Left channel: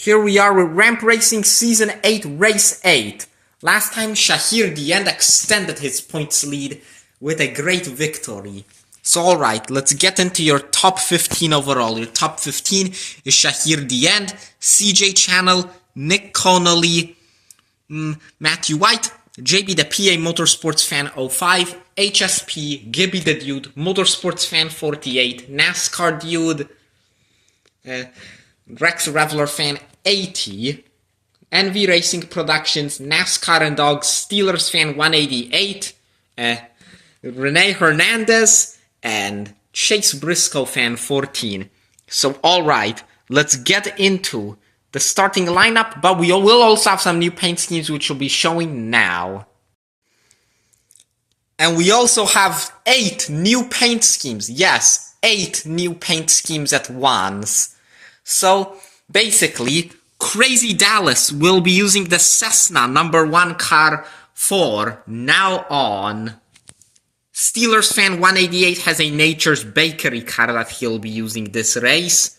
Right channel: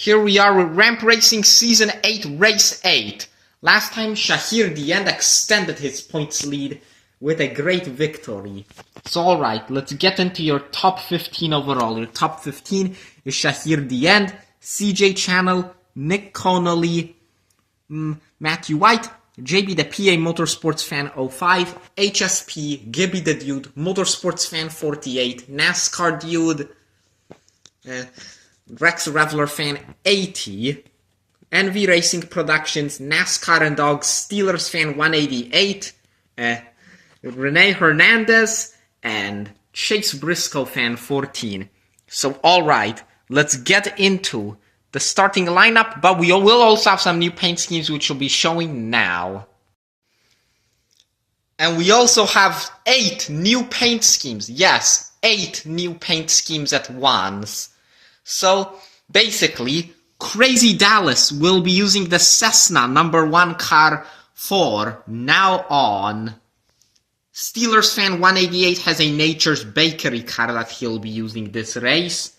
Here we are with Ramp Racing Season 8, Race 8. Last time, Shahir the End extended his points lead with a great victory. So alright, let's get into your top 15 overall. Your top 15 is Shahir the End, CJ Channel, Nick Connolly, Matthew White, JB the PA Motorsports Fan 05, HSP, Gibby the Dude, Motorsports Fan 48, NASCAR Dude, Rex Reveler Fan 80, NV Racing Productions, NASCAR and Dogs, Steelers Fan 188, Renee Hernandez, and Chase Briscoe Fan 14. So alright, let's get into the starting lineup, but we will also have some new paint schemes which we'll be showing now. And we also have 8 new paint schemes. Yes, 8 new paint schemes at once. So, basically, Crazy Dallas will be using the Cessna number 1 car for now on. Steelers Fan 188 has a Nature's Bakery car that he'll be using this race.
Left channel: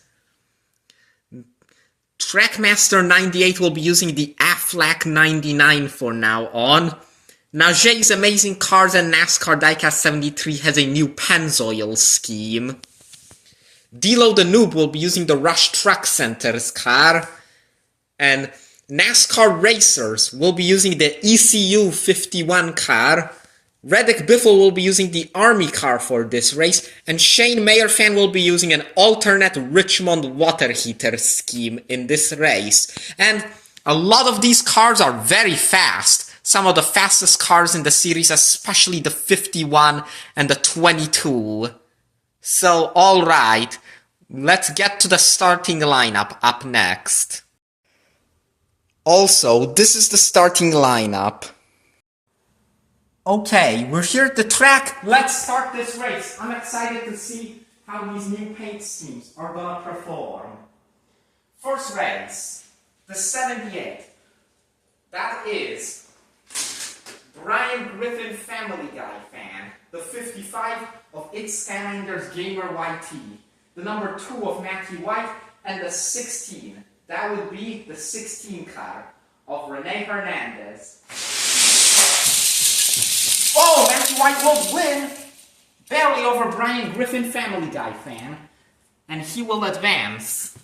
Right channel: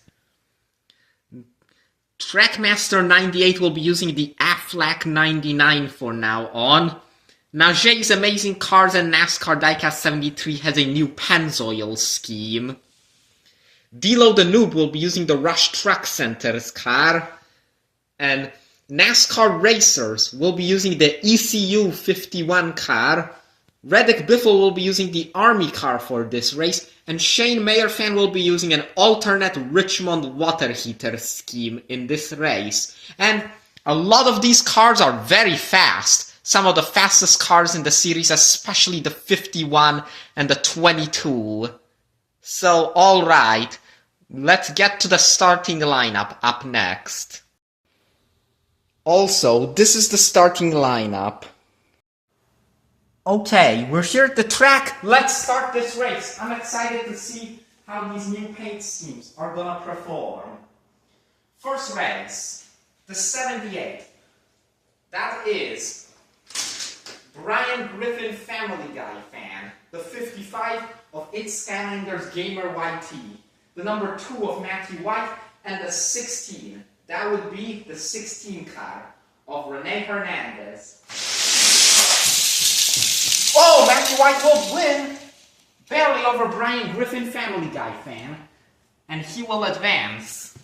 Trackmaster 98 will be using the Aflac 99 for now on. Najee Amazing Cars and NASCAR Diecast 73 has a new Pennzoil scheme. Dilo the Noob will be using the Rush Truck Center's car. And NASCAR Racers will be using the ECU 51 car. Reddick Biffle will be using the Army car for this race. And Shane Mayer Fan will be using an alternate Richmond water heater scheme in this race. And a lot of these cars are very fast. Some of the fastest cars in the series, especially the 51 and the 22. So, alright, let's get to the starting lineup up next. Also, this is the starting lineup. Okay, we're here at the track. Let's start this race. I'm excited to see how these new paint schemes are gonna perform. First race, the 78. That is Brian Griffin Family Guy Fan. The 55 of It's Skylanders Gamer YT, the number 2 of Matthew White, and the 16. That would be the 16 car of Renee Hernandez. Oh, Matthew White will win! Barely over Brian Griffin Family Guy Fan. And he will advance.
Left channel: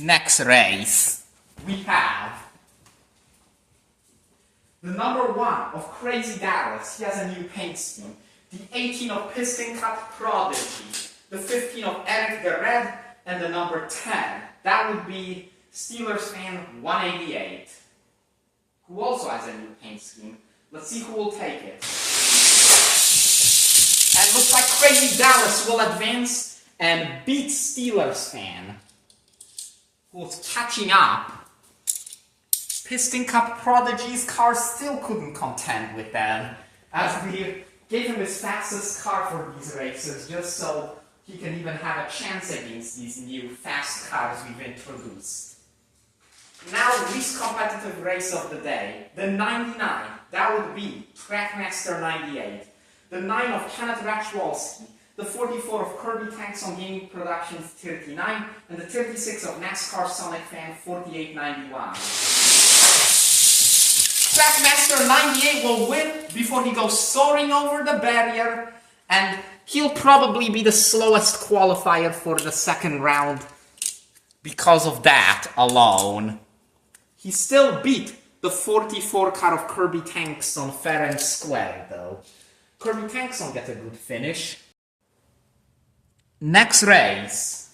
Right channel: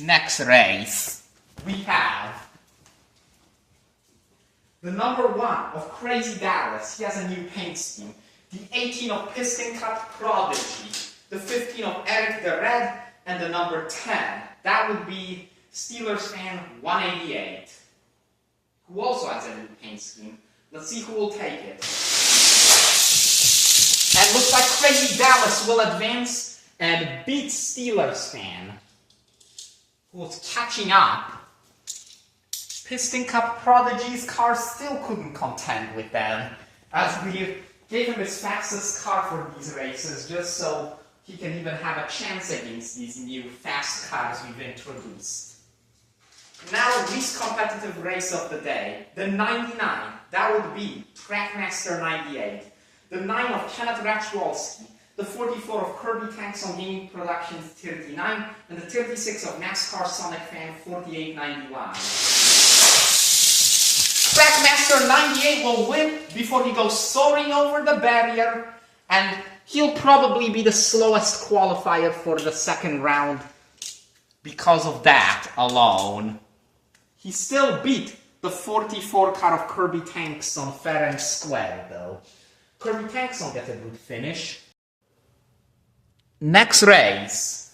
Next race, we have the number 1 of Crazy Dallas. He has a new paint scheme. The 18 of Piston Cup Prodigy. The 15 of Eric the Red. And the number 10. That would be Steelers Fan 188. Who also has a new paint scheme. Let's see who will take it. And looks like Crazy Dallas will advance and beat Steelers Fan, who's catching up. Piston Cup Prodigy's car still couldn't contend with them, as we gave him his fastest car for these races, just so he can even have a chance against these new fast cars we've introduced. Now, least competitive race of the day, the 99. That would be Trackmaster 98. The 9 of Kenneth Rachwalski. The 44 of Kirby Tanks on Gaming Productions 39. And the 36 of NASCAR Sonic Fan 4891. Trackmaster 98 will win before he goes soaring over the barrier, and he'll probably be the slowest qualifier for the second round because of that alone. He still beat the 44 car of Kirby Tanks on fair and square, though. Kirby Tanks will get a good finish. Next race,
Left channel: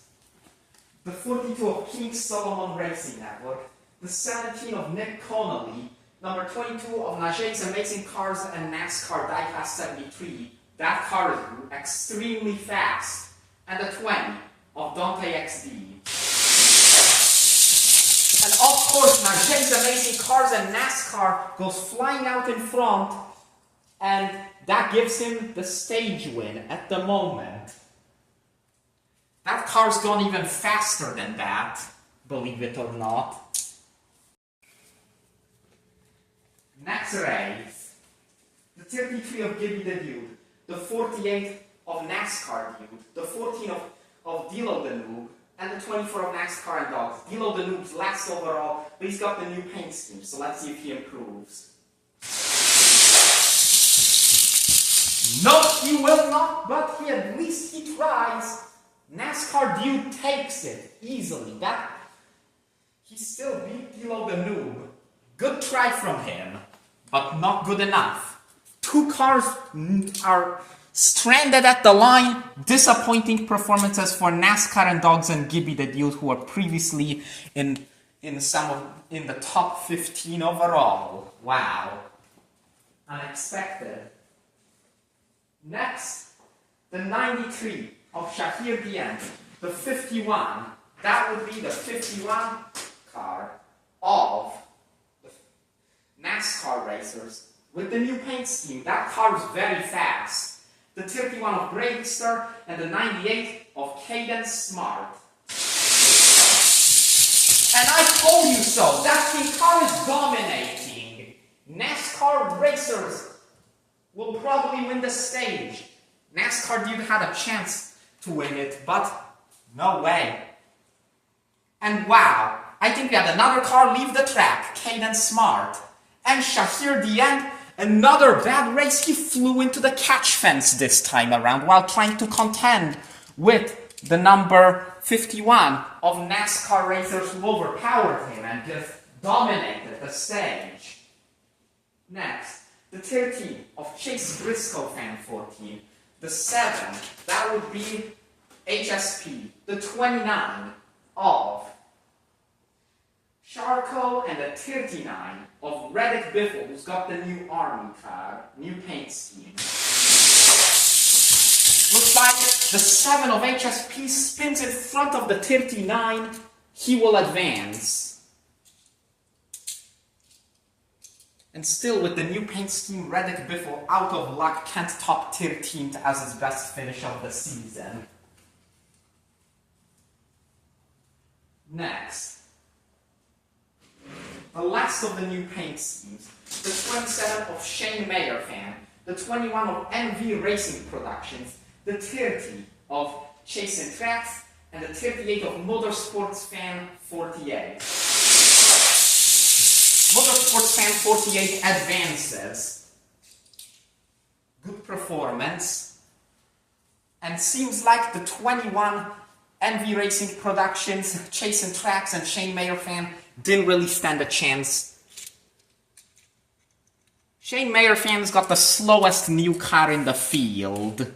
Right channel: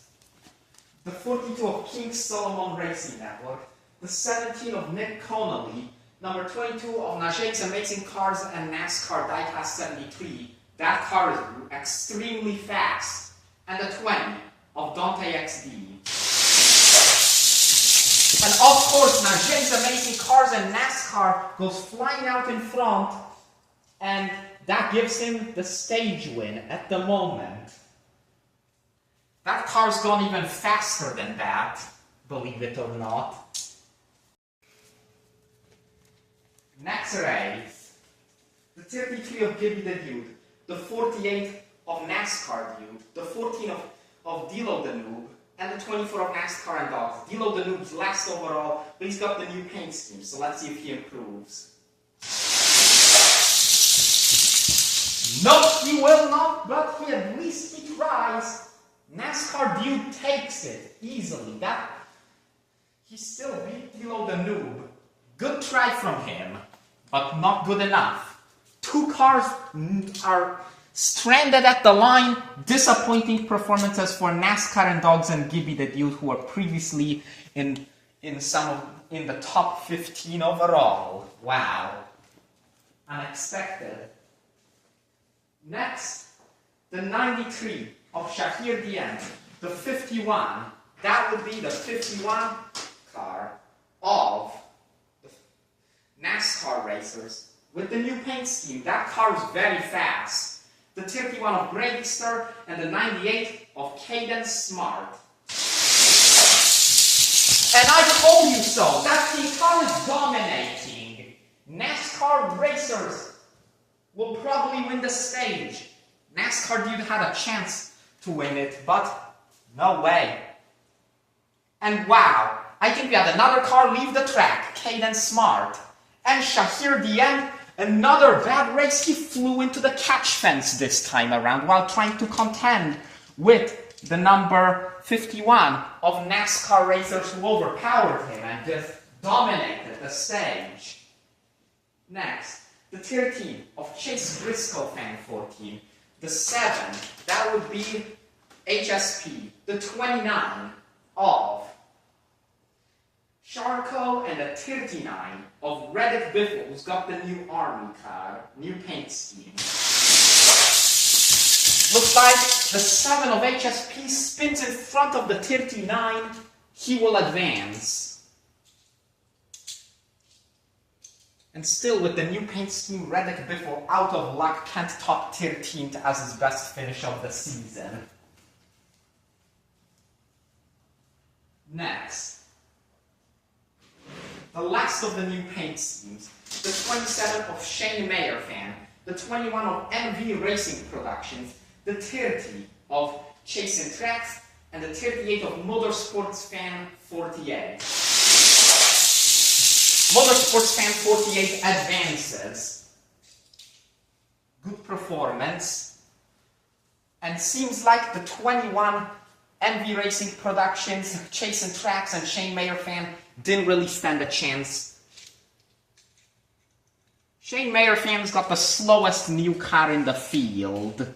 the 42 of King Solomon Racing Network, the 17 of Nick Connolly, number 22 of Najee's Amazing Cars and NASCAR Diecast 73. That car is extremely fast. And the 20 of Dante XD. And of course, Najee's Amazing Cars and NASCAR goes flying out in front, and that gives him the stage win at the moment. That car's gone even faster than that, believe it or not. Next race, the 33 of Gibby the Dude, the 48 of NASCAR Dude, the 14 of Dilo the Noob, and the 24 of NASCAR and Dogs. Dilo the Noob's last overall, but he's got the new paint scheme, so let's see if he improves. No, he will not, but at least he tries. NASCAR Dude takes it easily. He still beat Dilo the Noob. Good try from him, but not good enough. Two cars are stranded at the line. Disappointing performances for NASCAR and Dogs and Gibby the Dude, who were previously in the top 15 overall. Wow. Unexpected. Next, the 93 of Shahir Dien, the 51. That would be the 51 car of the NASCAR racers with the new paint scheme. That car is very fast. The 31 of Breakster and the 98 of Caden Smart. And I told you so. That team car is dominating. NASCAR racers will probably win the stage. NASCAR Dude had a chance to win it, but no way. And wow, I think we had another car leave the track, Caden Smart. And Shahir Dien, another bad race. He flew into the catch fence this time around while trying to contend with the number 51 of NASCAR racers who overpowered him and just dominated the stage. Next, the 13 of Chase Briscoe Fan 14. The 7, that would be HSP. The 29 of Sharko and the 39 of Reddick Biffle, who's got the new army car, new paint scheme. Looks like the 7 of HSP spins in front of the 39. He will advance. And still, with the new paint scheme, Reddick Biffle, out of luck, can't top 13th as his best finish of the season. Next, the last of the new paint schemes, the 27 of Shane Mayer Fan, the 21 of MV Racing Productions, the 30 of Chase and Tracks, and the 38 of Motorsports Fan 48. Motorsports Fan 48 advances. Good performance. And seems like the 21 MV Racing Productions, Chase and Tracks, and Shane Mayer Fan didn't really stand a chance. Shane Mayer Fan's got the slowest new car in the field.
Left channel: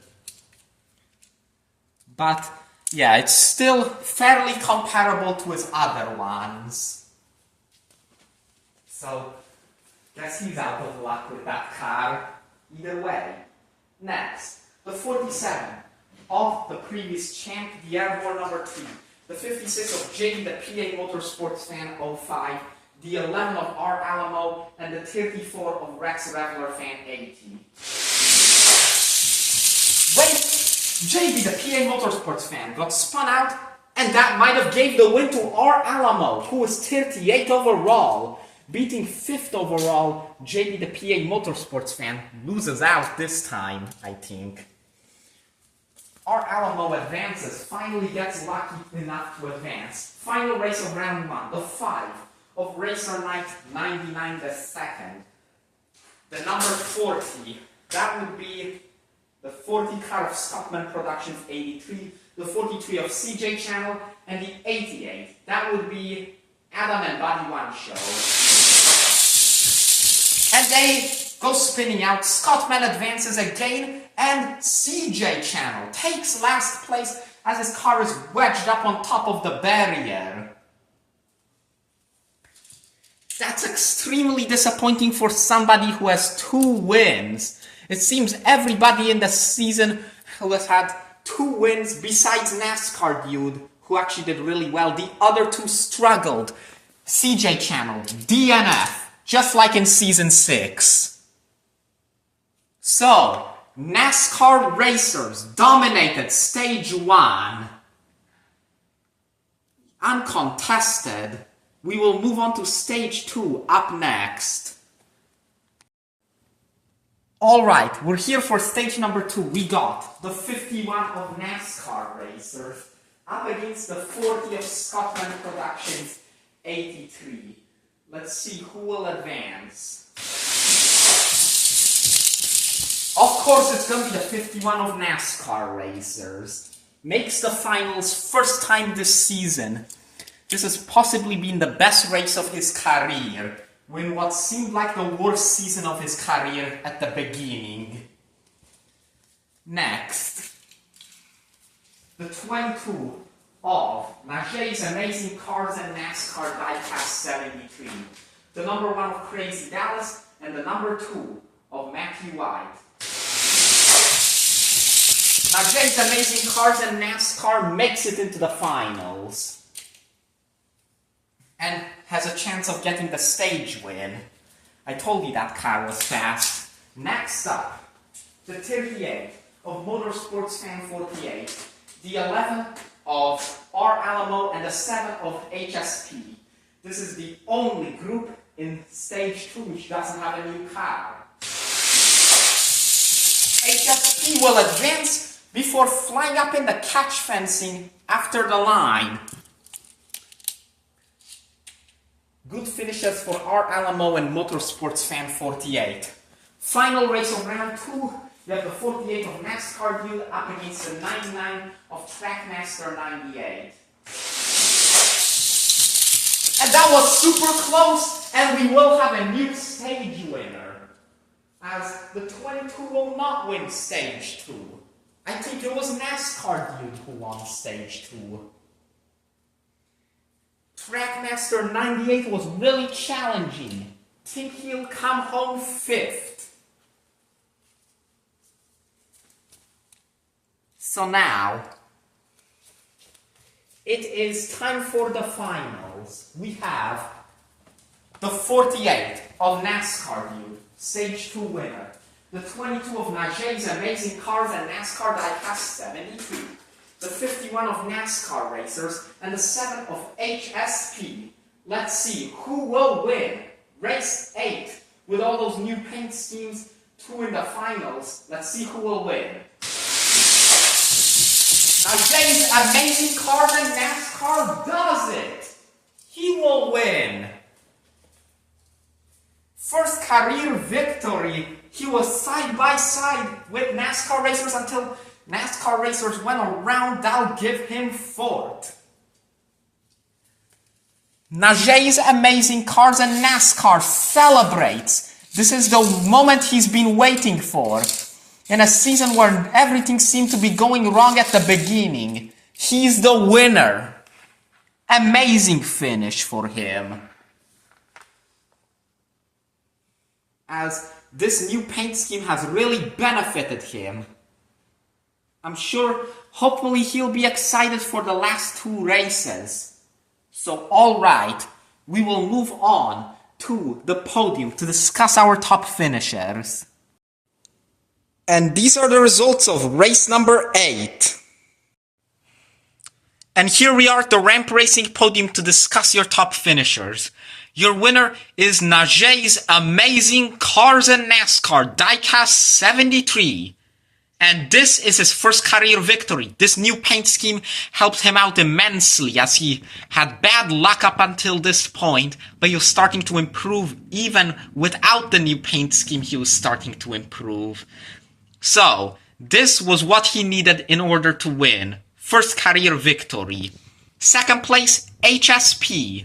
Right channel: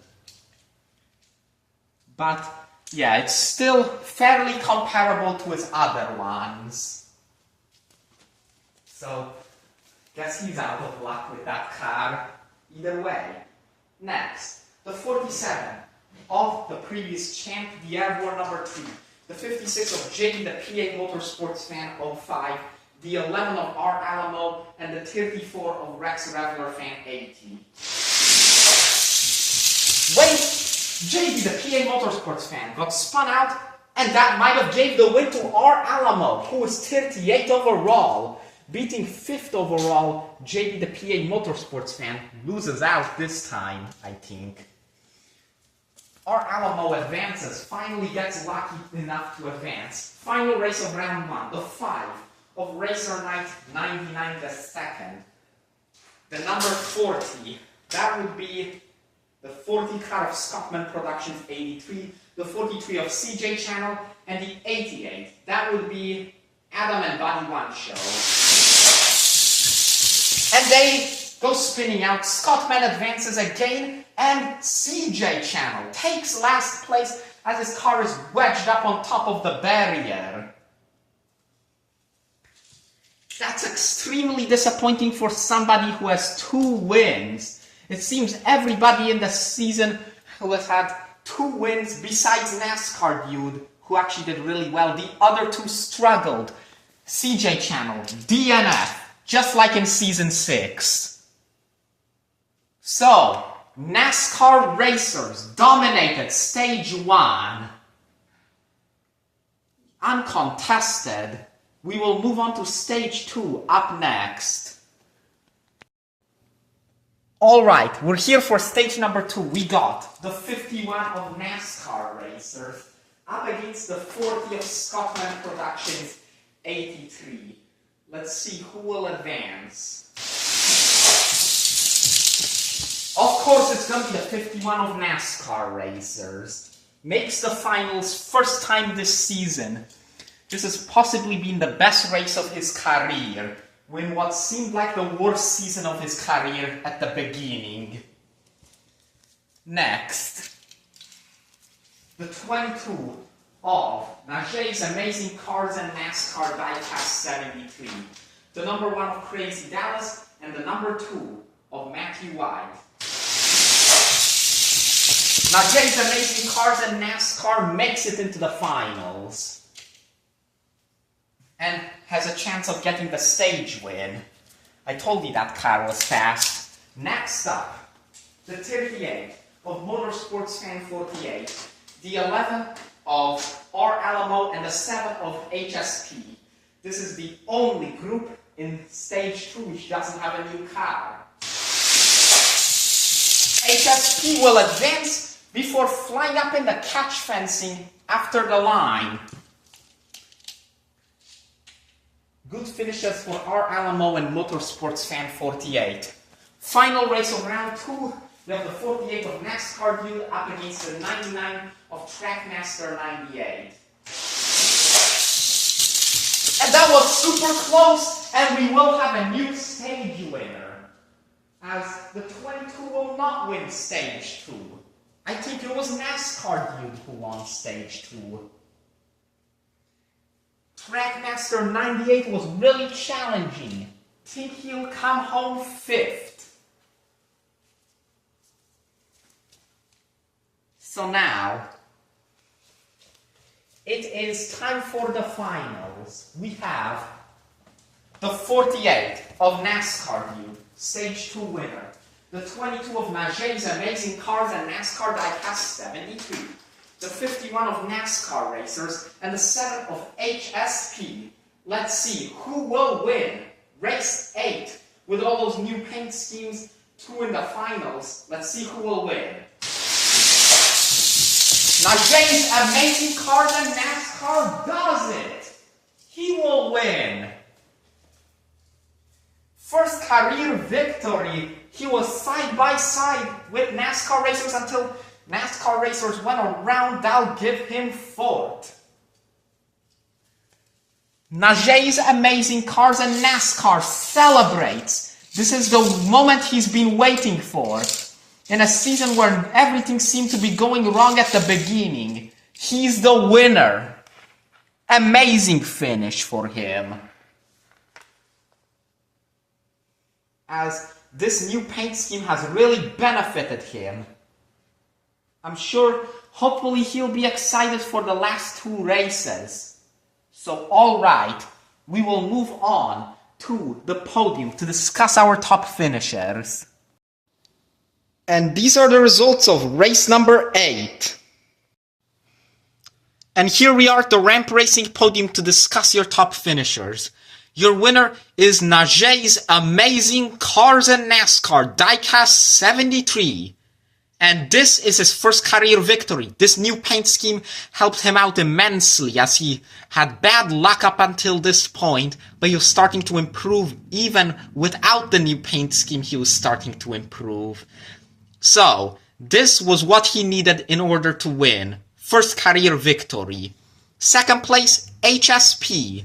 But, yeah, it's still fairly comparable to his other ones. So, guess he's out of luck with that car. Either way. Next, the 47 of the previous champ, the Airborne number 3. The 56 of JD, the PA Motorsports Fan 05. The 11 of R. Alamo. And the 34 of Rex Reveler Fan 80. Wait! JD, the PA Motorsports Fan, got spun out, and that might have gave the win to R. Alamo, who was 38 overall. Beating 5th overall, JD the PA Motorsports Fan loses out this time, I think. R. Alamo advances, finally gets lucky enough to advance. Final race of round 1, the 5 of Racer Knight 99 the 2nd. The number 40, that would be the 40 car of Scottman Productions 83, the 43 of CJ Channel, and the 88, that would be Adam and Body One Show. And they go spinning out. Scottman advances again, and CJ Channel takes last place as his car is wedged up on top of the barrier. That's extremely disappointing for somebody who has 2 wins. It seems everybody in the season who has had 2 wins besides NASCAR Dude, who actually did really well. The other 2 struggled. CJ Channel, DNF, just like in Season 6. So, NASCAR racers dominated Stage 1. Uncontested. We will move on to Stage 2 up next. Alright, we're here for Stage number 2. We got the 51 of NASCAR racers, up against the 40 of Scotland Productions 83. Let's see who will advance. Of course, it's going to be the 51 of NASCAR Racers. Makes the finals first time this season. This has possibly been the best race of his career, when what seemed like the worst season of his career at the beginning. Next, the 22 of Najee's Amazing Cars and NASCAR Diecast 73. The number 1 of Crazy Dallas and the number 2 of Matthew White. Najee's Amazing Cars and NASCAR makes it into the finals and has a chance of getting the stage win. I told you that car was fast. Next up, the 38 of Motorsports Fan 48, the 11 of R. Alamo, and the 7 of HSP. This is the only group in Stage 2 which doesn't have a new car. HSP will advance before flying up in the catch fencing after the line. Good finishes for R. Alamo and Motorsports Fan 48. Final race of round 2. We have the 48 of NASCAR Dude up against the 99 of Trackmaster 98. And that was super close, and we will have a new stage winner, as the 22 will not win Stage 2. I think it was NASCAR Dude who won Stage 2. Trackmaster 98 was really challenging. Think he'll come home 5th. So now, it is time for the finals. We have the 48 of NASCAR Dude, Stage 2 winner. The 22 of Najee's Amazing Cars and NASCAR Diecast 73. The 51 of NASCAR Racers, and the 7 of HSP. Let's see who will win Race 8 with all those new paint schemes, 2 in the finals. Let's see who will win. Najee's Amazing Cars and NASCAR does it! He will win! First career victory. He was side by side with NASCAR Racers until NASCAR Racers went around. I'll give him 4th. Najee's Amazing Cars and NASCAR celebrates. This is the moment he's been waiting for. In a season where everything seemed to be going wrong at the beginning, he's the winner. Amazing finish for him. As this new paint scheme has really benefited him. I'm sure, hopefully he'll be excited for the last 2 races. So, alright, we will move on to the podium to discuss our top finishers. And these are the results of race number 8. And here we are at the ramp racing podium to discuss your top finishers. Your winner is Najee's Amazing Cars and NASCAR Diecast 73. And this is his first career victory. This new paint scheme helped him out immensely, as he had bad luck up until this point, but he was starting to improve. Even without the new paint scheme, he was starting to improve. So, this was what he needed in order to win. First career victory. Second place, HSP.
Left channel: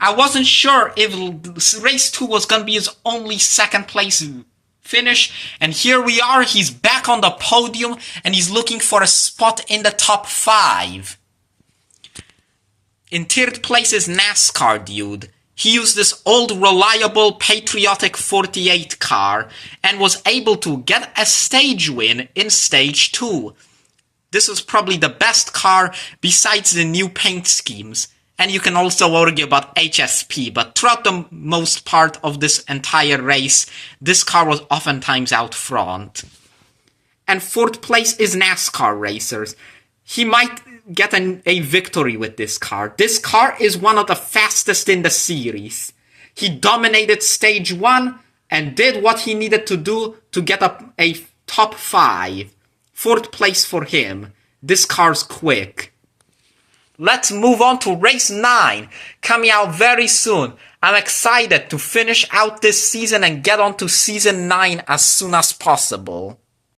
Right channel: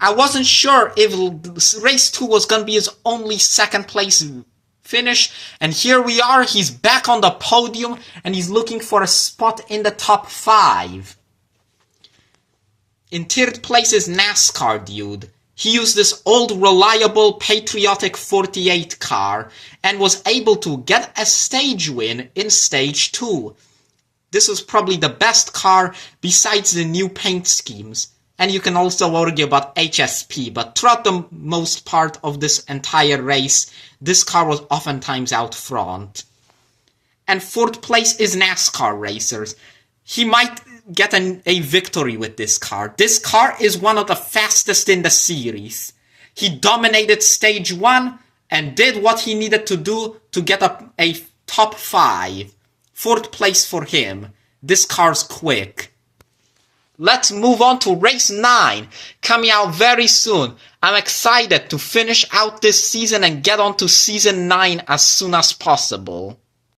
I wasn't sure if race 2 was going to be his only second place finish, and here we are. He's back on the podium, and he's looking for a spot in the top 5. In 3rd place is NASCAR Dude. He used this old, reliable, patriotic 48 car and was able to get a stage win in Stage 2. This was probably the best car besides the new paint schemes. And you can also argue about HSP, but throughout the most part of this entire race, this car was oftentimes out front. And 4th place is NASCAR Racers. He might get a victory with this car. This car is one of the fastest in the series. He dominated Stage 1 and did what he needed to do to get a top 5. 4th place for him. This car's quick. Let's move on to race 9, coming out very soon. I'm excited to finish out this season and get on to season 9 as soon as possible.